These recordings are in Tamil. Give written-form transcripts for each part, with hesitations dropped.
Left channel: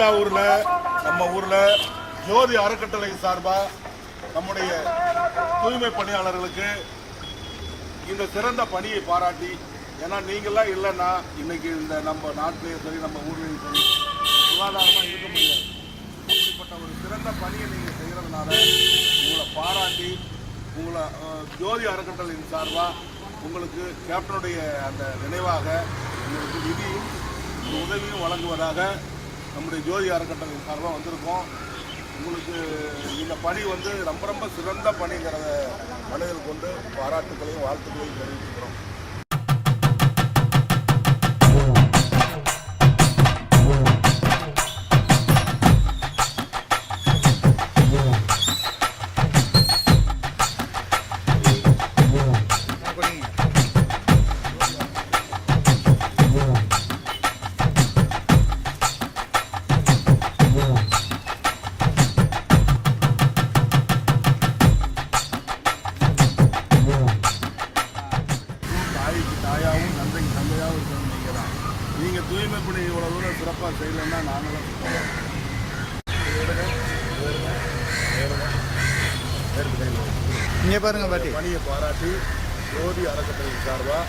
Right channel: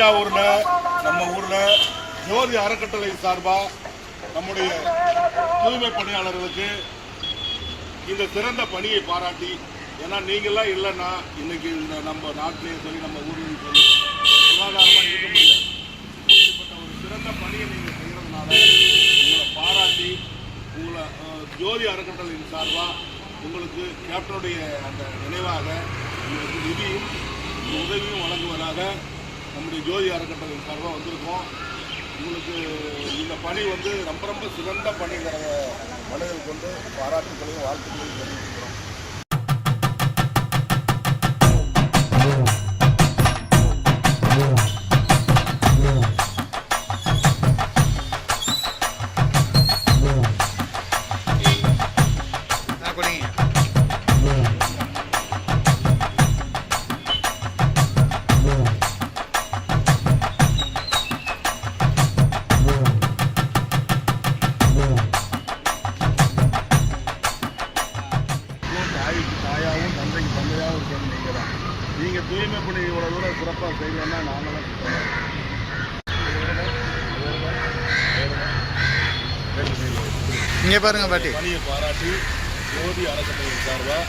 தஞ்சாவூர்ல நம்ம ஊர்ல ஜோதி அறக்கட்டளை சார்பா நம்முடைய தூய்மை பணியாளர்களுக்கு இந்த சிறந்த பணியை பாராட்டி, ஏன்னா நீங்களாம் இல்லைன்னா இன்னைக்கு இந்த நம்ம நாட்டிலேயும் சரி நம்ம ஊர்லேயும் சரி சுகாதாரமாக இருக்க முடியாது. அப்படிப்பட்ட ஒரு சிறந்த பணியை நீங்கள் செய்கிறதுனால உங்களை பாராட்டி உங்களை ஜோதி அறக்கட்டளையின் சார்பாக உங்களுக்கு கேப்டனுடைய அந்த நினைவாக உங்களுக்கு நிதியும் உதவியும் வழங்குவதாக நம்முடைய ஜோதி அறக்கட்டளையின் சார்பாக வந்திருக்கோம். உங்களுக்கு இந்த பணி ரொம்ப ரொம்ப சிறந்த பணிங்கிறத மனதில் கொண்டு பாராட்டுகளையும் வாழ்த்துக்களையும் தெரிவிக்கிறோம். தாயாகவும் தந்தைக்கு தந்தையாகவும் இருக்கிறது நீங்கள் தான். நீங்கள் தூய்மை பணி இவ்வளோ தூரம் சிறப்பாக செய்யலைன்னா நாங்களாம் இங்கே பாருங்க பாட்டி பணியை பாராட்டி ஜோதி அறக்கட்டளையின் சார்பாக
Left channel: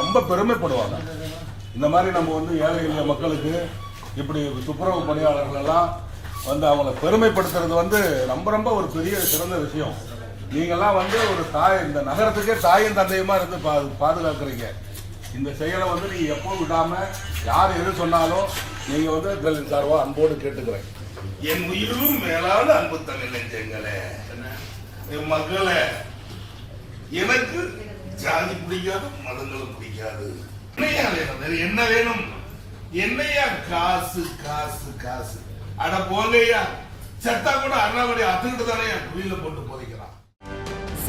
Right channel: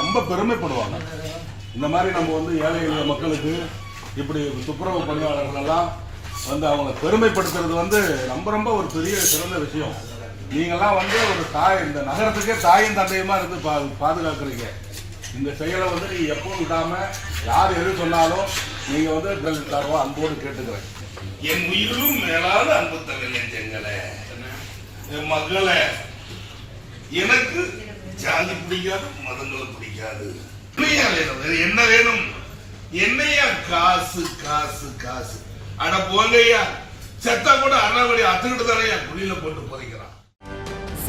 ரொம்ப பெருமைப்படுவாங்க. இந்த மாதிரி நம்ம ஏழை மக்களுக்கு இப்படி துப்புரவு பணியாளர்கள் எல்லாம் அவங்களை பெருமைப்படுத்துறது ரொம்ப ரொம்ப ஒரு பெரிய சிறந்த விஷயம். நீங்கெல்லாம் ஒரு தாய், இந்த நகரத்துக்கே தாயும் தந்தையுமா இருந்து பாதுகாக்கிறீங்க. இந்த செயலை நீங்க எப்பவும் விடாம யார் எது சொன்னாலும் நீங்க சார்பா அன்போடு கேட்டுக்கிறேன். என் உயிரும் மேலான அன்பு தன்னை நெஞ்சங்களே, என் மகளே, எனக்கு ஜாதி பிடிக்காது, மதங்களும் பிடிக்காது. என்ன வேணும்? என்னையா காசு காசு காசு? அட போங்கய்யா, செத்தா கூட அண்ணாமலை அத்துக்கிட்டு தானே குழியில போட்டு போதைக்கிறான்.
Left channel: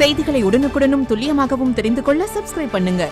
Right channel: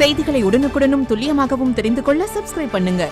செய்திகளை உடனுக்குடனும் துல்லியமாகவும் தெரிந்து கொள்ள சப்ஸ்கிரைப் பண்ணுங்க.